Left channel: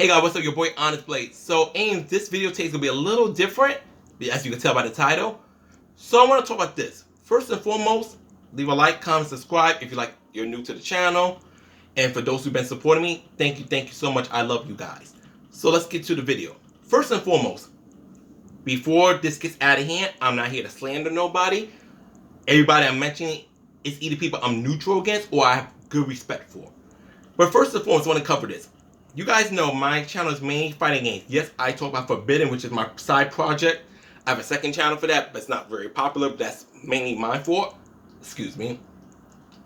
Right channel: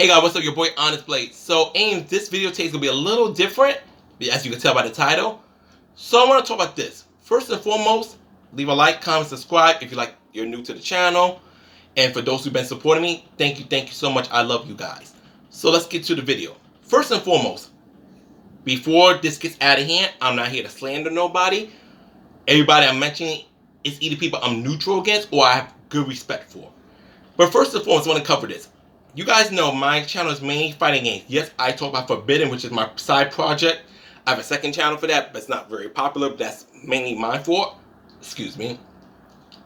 Hey guys, what's up? Your boy Onyxe Blade. So, this video today is gonna be a little different, as you can tell by the title. So I want to talk about this. First and foremost, leave a like, comment, subscribe if you're new to the channel. And for those who've been supporting me, thank you so much. I love you guys. So let's get to the video. First and foremost, before this gets out of hand, I'm not here to slander nobody. Everybody I'm mentioning is either people I'm neutral against or I have good respect for. But first and foremost, I want to cover this. You guys know my channel is mainly fighting games. Yes, I talk about Forbidden, which is my side project. I have a second channel for that, but it's not very popular. But that's mainly mine for. Excuse me.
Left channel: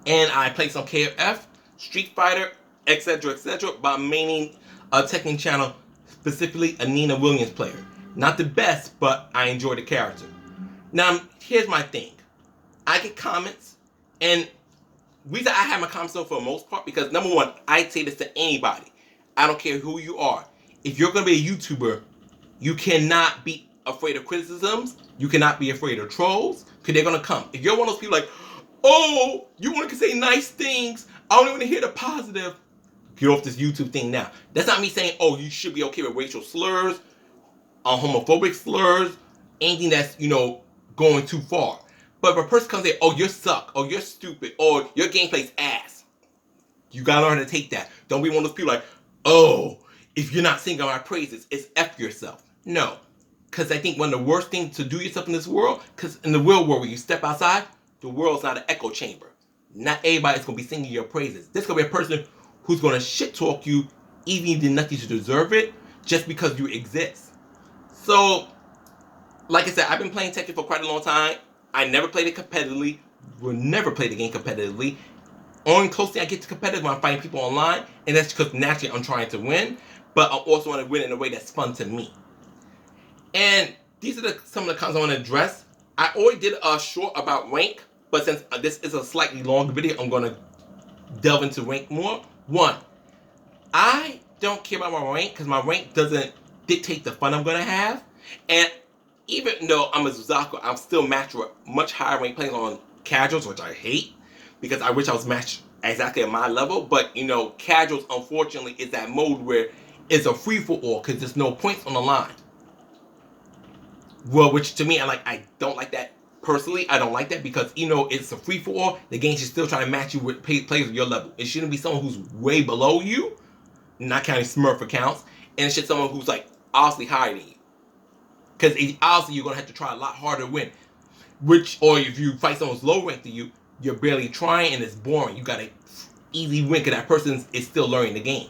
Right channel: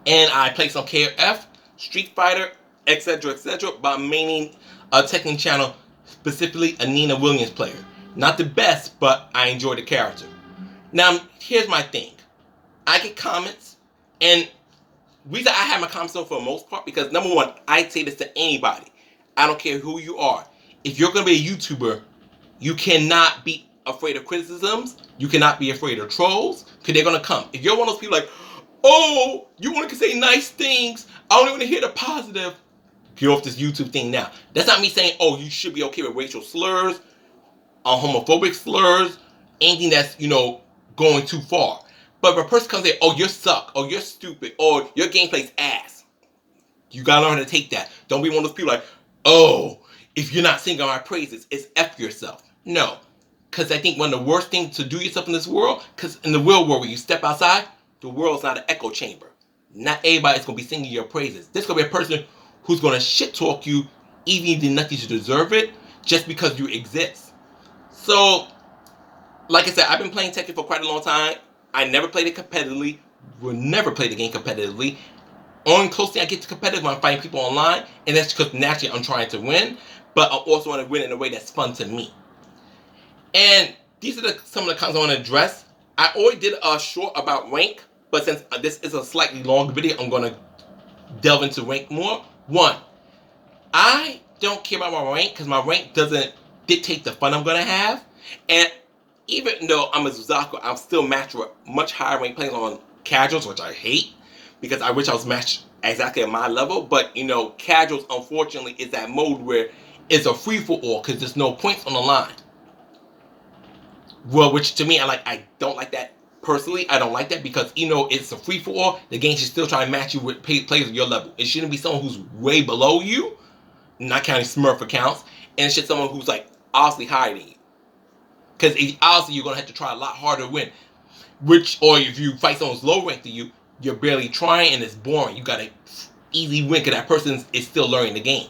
And I play some KF, Street Fighter, etc., but mainly a Tekken channel, specifically a Nina Williams player. Not the best, but I enjoy the character. Now, here's my thing. I get comments, and the reason I have my comments on for the most part, because number one, I say this to anybody. I don't care who you are. If you're going to be a YouTuber, you cannot be afraid of criticisms. You cannot be afraid of trolls, because they're going to come. If you're one of those people like, oh, you want to say nice things, I only want to hear the positive, get off this YouTube thing now. That's not me saying, oh, you should be okay with racial slurs, homophobic slurs, anything that's, going too far. But if a person comes and say, oh, you suck, or you're stupid, or your gameplay's ass, you got to learn how to take that. Don't be one of those people like, oh, if you're not singing my praises, it's F yourself. No. Because I think one of the worst things to do yourself in this world, because in the real world, when you step outside, the world's not an echo chamber. Not everybody's going to be singing your praises. There's going to be a person who's going to shit talk you, even if you did nothing to deserve it, just because you exist. So, like I said, I've been playing Tekken for quite a long time. I never played it competitively. Will never play the game competitively. Only closely I get to competitive when I'm fighting people online, and that's because naturally I'm trying to win, but I also want to win in a way that's fun to me. And these are some of the comments I want to address. I already did a short about rank, but since this is a slightly longer video, I'm going to delve into rank more. One, I don't care about my rank because my rank doesn't dictate the fun I'm going to have. And even though I'm a Suzaku, I'm still matched with much higher rank players on casuals, which I hate, because I wish I was matched exactly at my level. But, casuals, unfortunately, is that mode where it's a free-for-all because there's no points on the line. Well, which to me, I don't like that. Personally, I don't like that because, it's a free-for-all. The game should still try to match you with players of your level. It shouldn't be someone who's way below you, not counting Smurf accounts, and it should be someone who's, obviously higher than you. Because obviously you're going to have to try a lot harder to win. Or if you fight someone who's low ranked than you, you're barely trying and it's boring. You got to easy win because that person is still learning the game.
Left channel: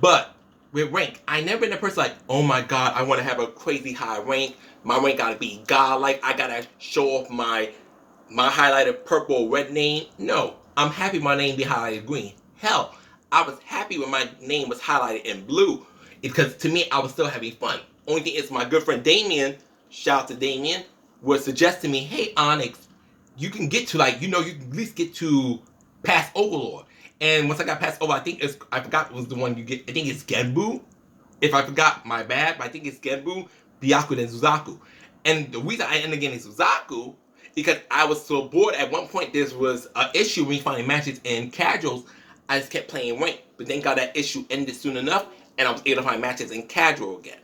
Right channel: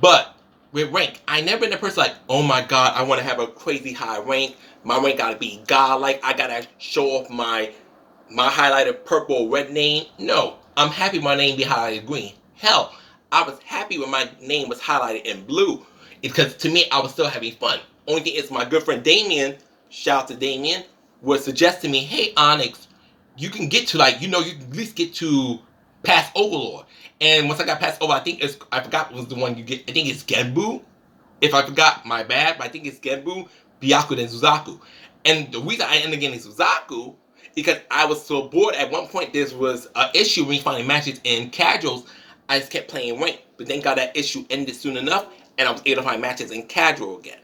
But with rank, I never been a person like, oh my god, I want to have a crazy high rank. My rank got to be godlike. I got to show off my highlighted purple or red name. No, I'm happy my name be highlighted green. Hell, I was happy when my name was highlighted in blue because to me, I was still having fun. Only thing is my good friend Damien, shout out to Damien, was suggesting me, hey Onyx, you can get to you can at least get to past Overlord. And once I got past Overlord, I forgot was the one you get. I think it's Genbu. If I forgot, my bad, but I think it's Genbu, Byaku, then Suzaku. And the reason I ended up getting Suzaku because I was so bored. At one point, there was an issue when finding matches in casuals. I just kept playing rank, but then got that issue ended soon enough, and I was able to find matches in casual again.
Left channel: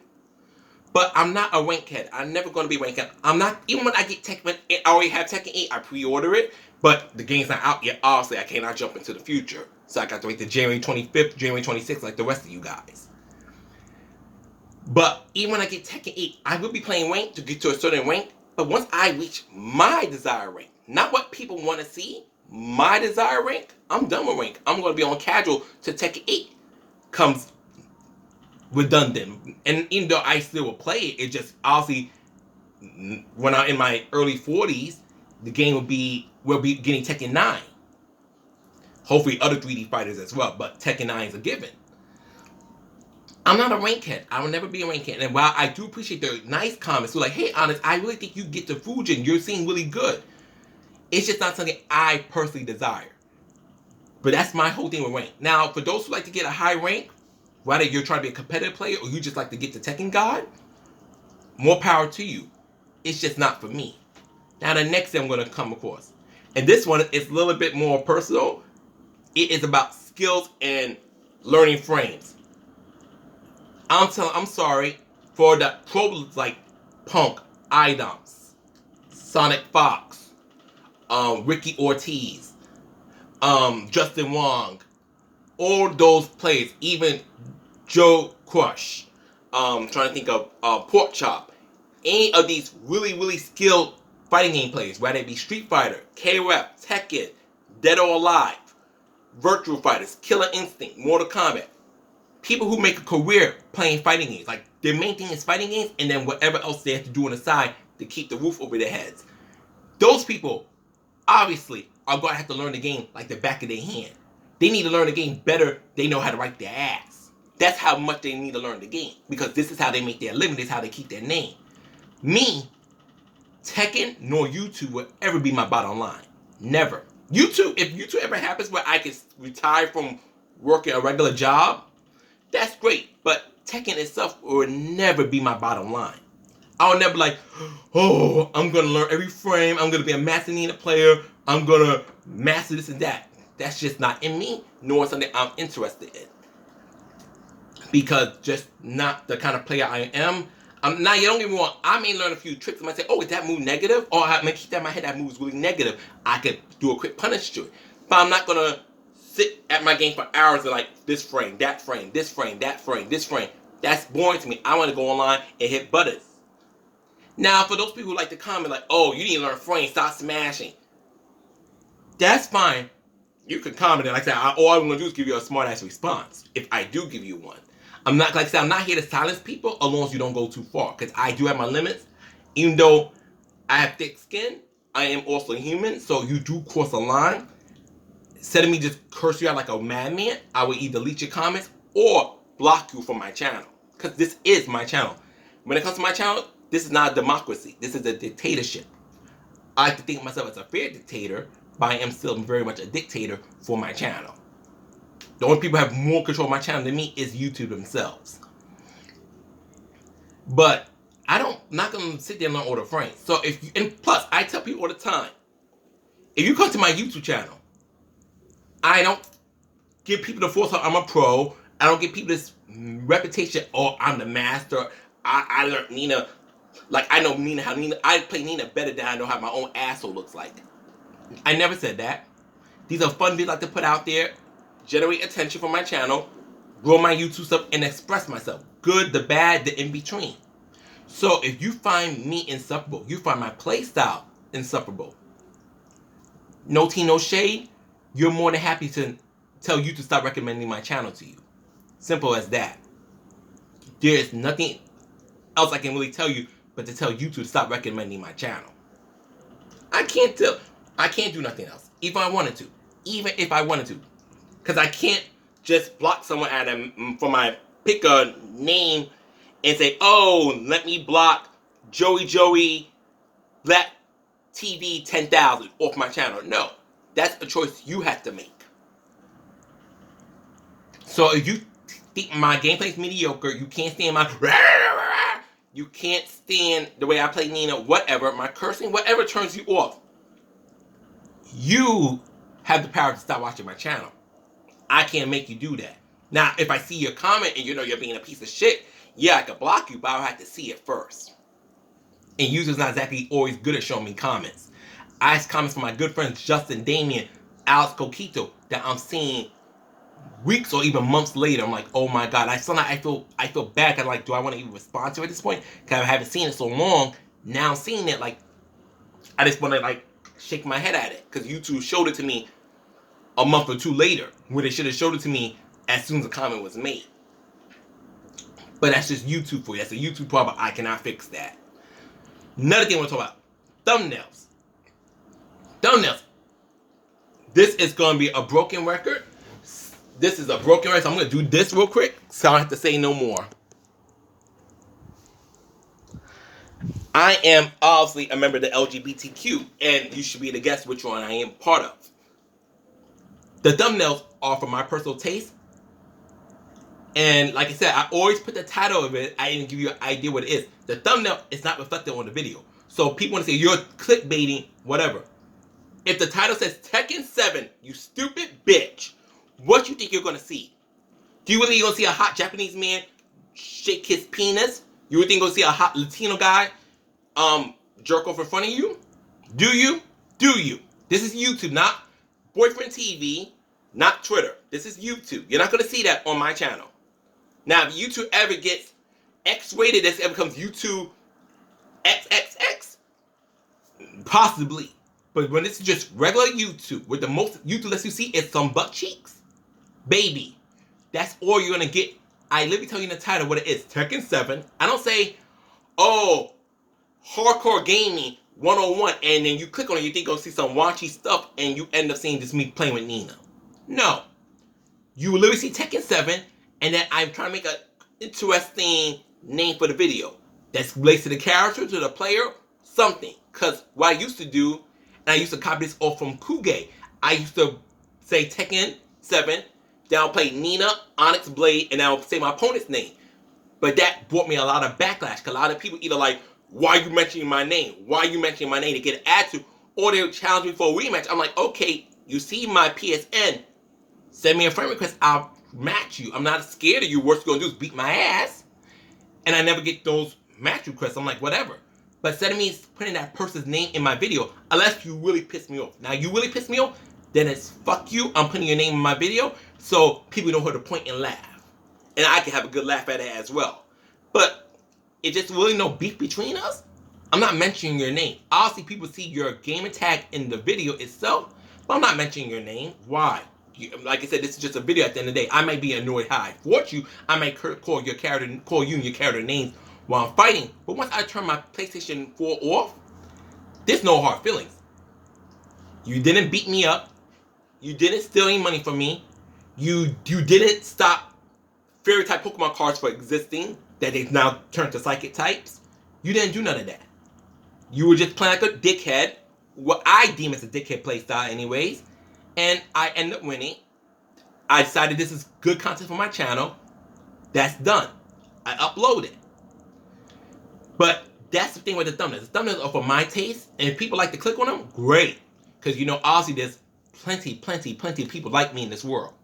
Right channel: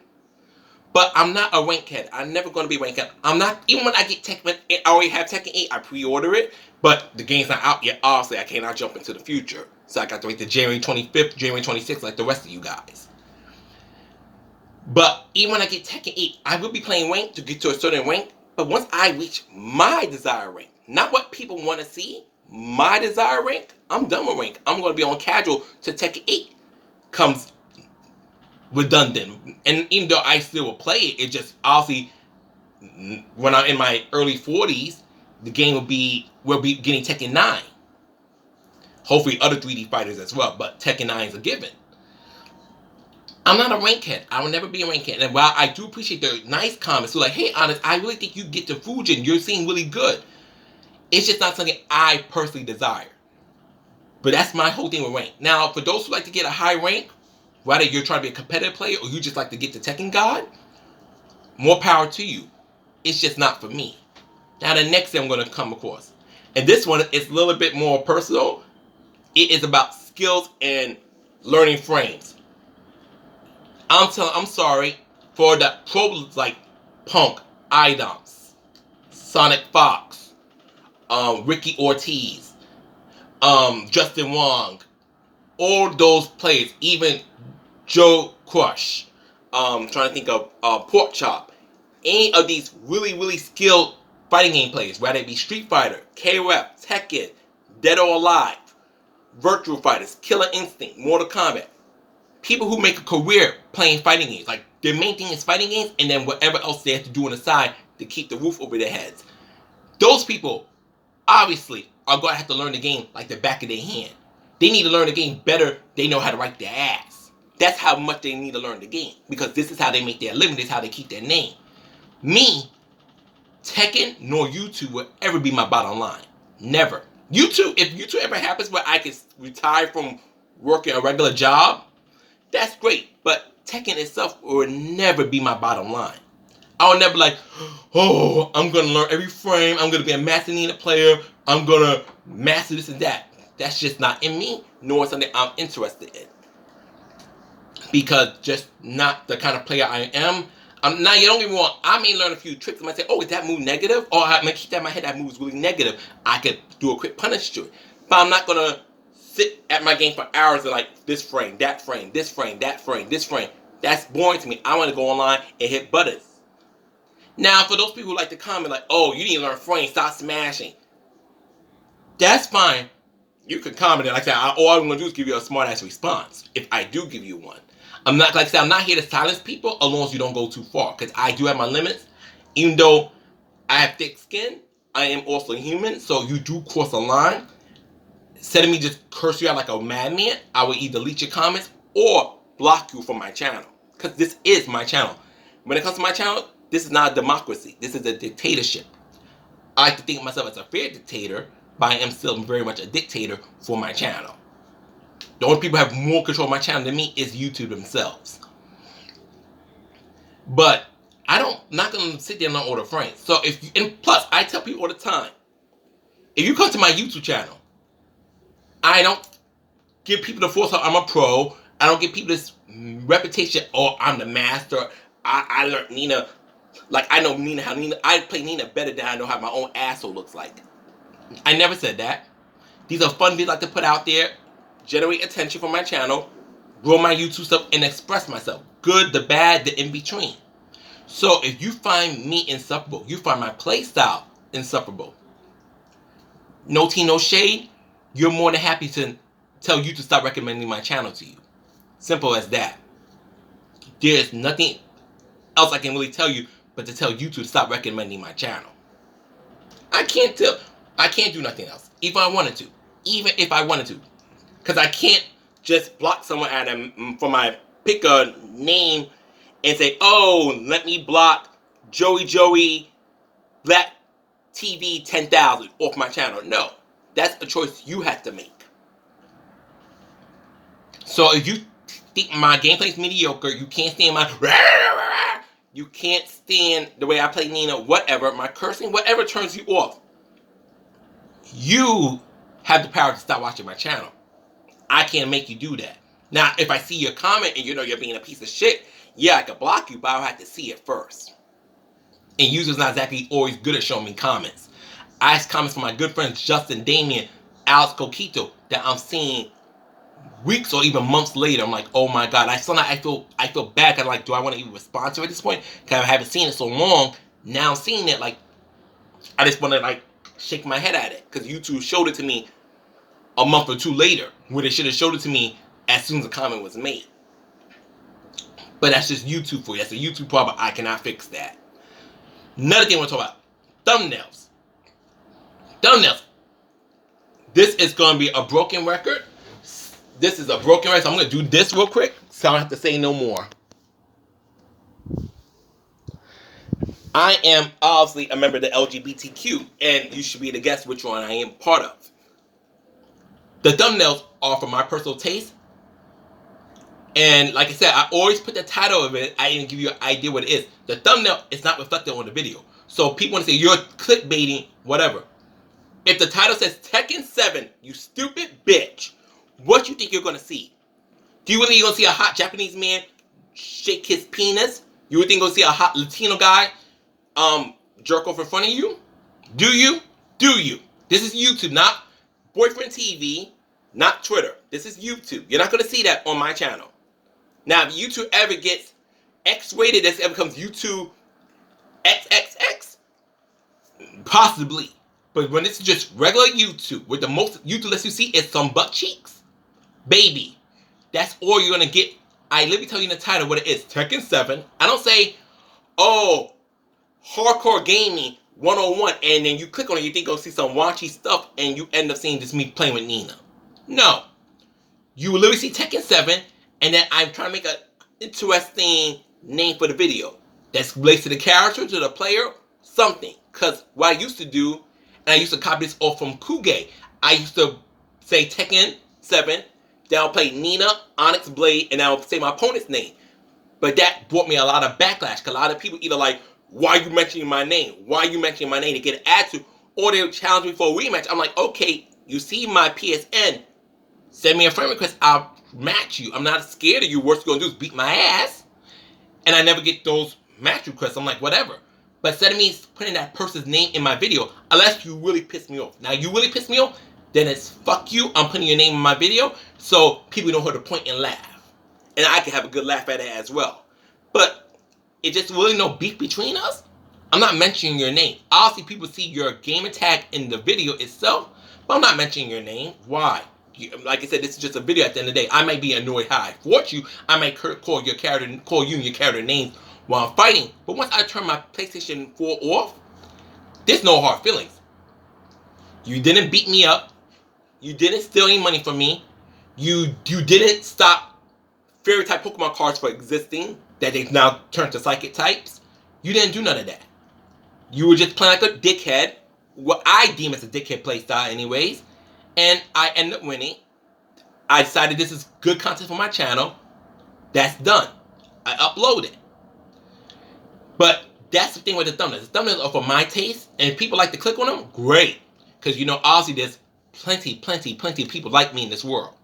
But I'm not a rank head. I'm never going to be rank head. I'm not, even when I get Tekken, I already have Tekken 8, I pre-order it, but the game's not out yet. Obviously, I cannot jump into the future. So I got to wait till January 25th, January 26th, like the rest of you guys. But even when I get Tekken 8, I will be playing rank to get to a certain rank. But once I reach my desired rank, not what people want to see, my desired rank, I'm done with rank. I'm going to be on casual to Tekken 8 comes redundant. And even though I still will play it, it just obviously when I'm in my early 40s, the game will be getting Tekken 9. Hopefully other 3D fighters as well, but Tekken 9 is a given. I'm not a rank head. I will never be a rank head. And while I do appreciate the nice comments, so like, hey Onyx, I really think you get to Fujin. You're seeing really good. It's just not something I personally desire. But that's my whole thing with rank. Now, for those who like to get a high rank, whether you're trying to be a competitive player or you just like to get to Tekken God, more power to you. It's just not for me. Now the next thing I'm going to come across. And this one is a little bit more personal. It is about skills and learning frames. I'm sorry for the pros like Punk, Idoms, Sonic Fox, Ricky Ortiz, Justin Wong, all those players, even Joe Crush, trying to think of Pork Chop, any of these really skilled fighting game players, whether it be Street Fighter, K-Rep, Tekken, Dead or Alive, Virtual Fighters, Killer Instinct, Mortal Kombat, people who make a career playing fighting games, like their main thing is fighting games, and then whatever else they have to do on the side to keep the roof over their heads. Those people obviously are going to have to learn the game like the back of their hand. They need to learn the game better. They know how to wipe their ass. That's how much they need to learn the game, because this is how they make their living. This is how they keep their name. Me, Tekken nor YouTube will ever be my bottom line. Never. YouTube, if YouTube ever happens where I can retire from working a regular job, that's great. But Tekken itself will never be my bottom line. I'll never like, oh, I'm going to learn every frame. I'm going to be a master Nina player. I'm going to master this and that. That's just not in me, nor something I'm interested in. Because just not the kind of player I am. Now, you don't get me wrong, I may learn a few tricks. I might say, oh, is that move negative? Or I may keep that in my head, that move's really negative. I could do a quick punish to it. But I'm not going to sit at my game for hours and like, this frame, that frame, this frame, that frame, this frame. That's boring to me. I want to go online and hit buttons. Now, for those people who like to comment like, oh, you need to learn frames, stop smashing. That's fine. You can comment it like that. All I'm going to do is give you a smart-ass response, if I do give you one. I'm not, like I said, I'm not here to silence people as long as you don't go too far, because I do have my limits. Even though I have thick skin, I am also human, so you do cross a line. Instead of me just curse you out like a madman, I will either delete your comments or block you from my channel, because this is my channel. When it comes to my channel, this is not a democracy. This is a dictatorship. I like to think of myself as a fair dictator, but I am still very much a dictator for my channel. The only people who have more control of my channel than me is YouTube themselves. But not gonna sit there and learn all the frames. So and plus, I tell people all the time, if you come to my YouTube channel, I don't give people the false hope I'm a pro. I don't give people this reputation, oh, I'm the master. I learned Nina, like I know Nina, I play Nina better than I know how my own asshole looks like. I never said that. These are fun videos I like to put out there, generate attention for my channel, grow my YouTube stuff, and express myself. Good, the bad, the in between. So if you find me insufferable, you find my play style insufferable, no tea, no shade, you're more than happy to tell you to stop recommending my channel to you. Simple as that. There's nothing else I can really tell you but to tell you to stop recommending my channel. I can't do nothing else. Even if I wanted to. Because I can't just block someone for my pick a name and say, oh, let me block Joey Black TV 10,000 off my channel. No, that's a choice you have to make. So if you think my gameplay is mediocre, you can't stand you can't stand the way I play Nina, whatever, my cursing, whatever turns you off, you have the power to stop watching my channel. I can't make you do that. Now, if I see your comment and you know you're being a piece of shit, yeah, I could block you, but I'll have to see it first. And YouTube's not exactly always good at showing me comments. I ask comments from my good friends Justin, Damien, Alex Coquito that I'm seeing weeks or even months later. I'm like, oh my God. I feel bad. I'm like, do I want to even respond to it at this point? Because I haven't seen it so long. Now I'm seeing it, like, I just want to like shake my head at it. Because YouTube showed it to me a month or two later, where they should have showed it to me as soon as the comment was made. But that's just YouTube for you. That's a YouTube problem. I cannot fix that. Another thing I want to talk about, thumbnails. Thumbnails. This is going to be a broken record. This is a broken record, so I'm going to do this real quick, so I don't have to say no more. I am obviously a member of the LGBTQ, and you should be able to guess which one I am part of. The thumbnails are for my personal taste. And like I said, I always put the title of it. I didn't give you an idea what it is. The thumbnail is not reflected on the video. So people want to say, you're clickbaiting, whatever. If the title says Tekken 7, you stupid bitch, what you think you're going to see? Do you really going to see a hot Japanese man shake his penis? You would think you're gonna see a hot Latino guy jerk off in front of you? Do you? Do you? This is YouTube, not Boyfriend TV, not Twitter. This is YouTube. You're not gonna see that on my channel. Now, if YouTube ever gets X-rated, this ever becomes YouTube XXX, possibly. But when it's just regular YouTube, with the most YouTube lets you see is some butt cheeks, baby, that's all you're gonna get. I literally tell you in the title what it is. Tekken 7. I don't say, oh, hardcore gaming 101, and then you click on it, you think you're gonna see some raunchy stuff, and you end up seeing just me playing with Nina. No. You will literally see Tekken 7, and then I'm trying to make an interesting name for the video that's related to the character, to the player, something. Because what I used to do, and I used to copy this off from Kuge, I used to say Tekken 7, then I'll play Nina, Onyx, Blade, and I'll say my opponent's name. But that brought me a lot of backlash, because a lot of people either like, why are you mentioning my name? Why are you mentioning my name? To get an attitude, or they'll challenge me for a rematch. I'm like, okay, you see my PSN, send me a friend request, I'll match you. I'm not scared of you. Worst you're gonna do is beat my ass. And I never get those match requests. I'm like, whatever. But instead of me putting that person's name in my video, unless you really piss me off. Now, you really piss me off, then it's fuck you. I'm putting your name in my video so people know how to point and laugh. And I can have a good laugh at it as well. But if there's really no beef between us, I'm not mentioning your name. Obviously, people see your gamer tag in the video itself, but I'm not mentioning your name. Why? Like I said, this is just a video at the end of the day. I might be annoyed how I fought you. I might call you and your character names while I'm fighting. But once I turn my PlayStation 4 off, there's no hard feelings. You didn't beat me up. You didn't steal any money from me. You didn't stop fairy type Pokemon cards from existing that they've now turned to psychic types. You didn't do none of that. You were just playing like a dickhead, what I deem as a dickhead playstyle anyways, and I ended up winning. I decided this is good content for my channel. That's done. I upload it. But that's the thing with the thumbnails. The thumbnails are for my taste, and if people like to click on them, great. Because you know, obviously there's plenty of people like me in this world.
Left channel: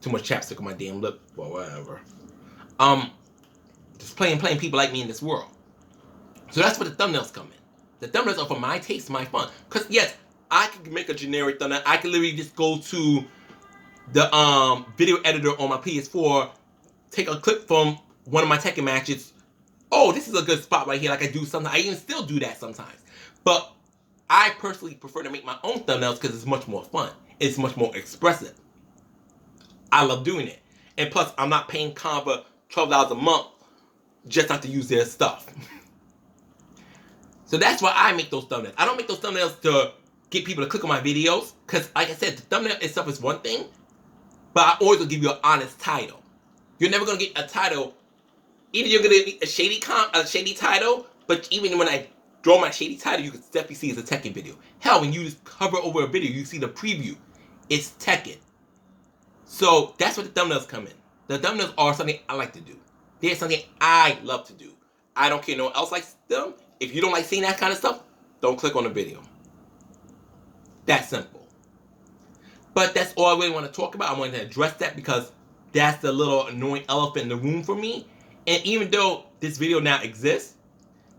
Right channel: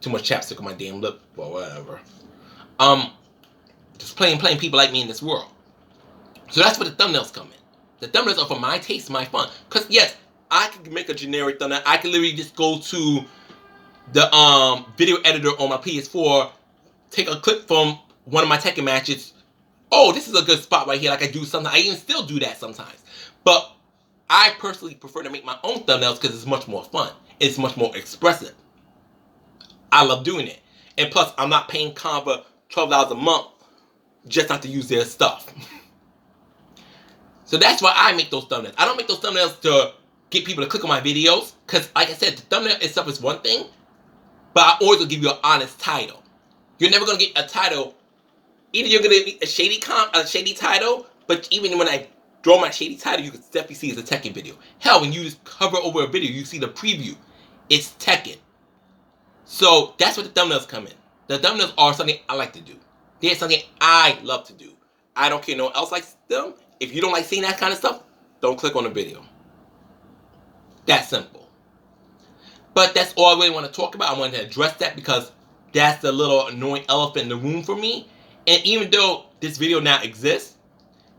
Too much chapstick on my damn lip, or whatever. Just plain people like me in this world. So that's where the thumbnails come in. The thumbnails are for my taste, my fun. Because yes, I could make a generic thumbnail. I could literally just go to the video editor on my PS4, take a clip from one of my Tekken matches. Oh, this is a good spot right here. Like I do sometimes. I even still do that sometimes. But I personally prefer to make my own thumbnails because it's much more fun. It's much more expressive. I love doing it. And plus, I'm not paying Canva $12 a month just not to use their stuff. So that's why I make those thumbnails. I don't make those thumbnails to get people to click on my videos. Because, like I said, the thumbnail itself is one thing. But I always will give you an honest title. You're never going to get a title. Either you're going to get a shady title. But even when I draw my shady title, you can definitely see it's a Tekken video. Hell, when you just cover over a video, you see the preview. It's Tekken. So that's what the thumbnails come in. The thumbnails are something I like to do. They're something I love to do. I don't care no one else likes them. If you don't like seeing that kind of stuff, don't click on the video. That's simple. But that's all I really want to talk about. I wanted to address that because that's the little annoying elephant in the room for me. And even though this video now exists,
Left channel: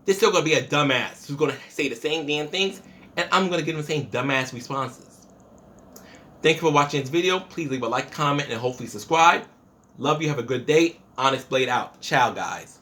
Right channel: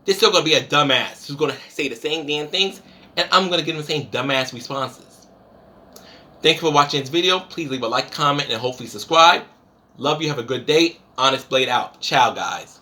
there's still going to be a dumbass who's going to say the same damn things, and I'm going to give them the same dumbass responses. Thank you for watching this video. Please leave a like, comment, and hopefully subscribe. Love you. Have a good day. Onyxe Blade out. Ciao, guys.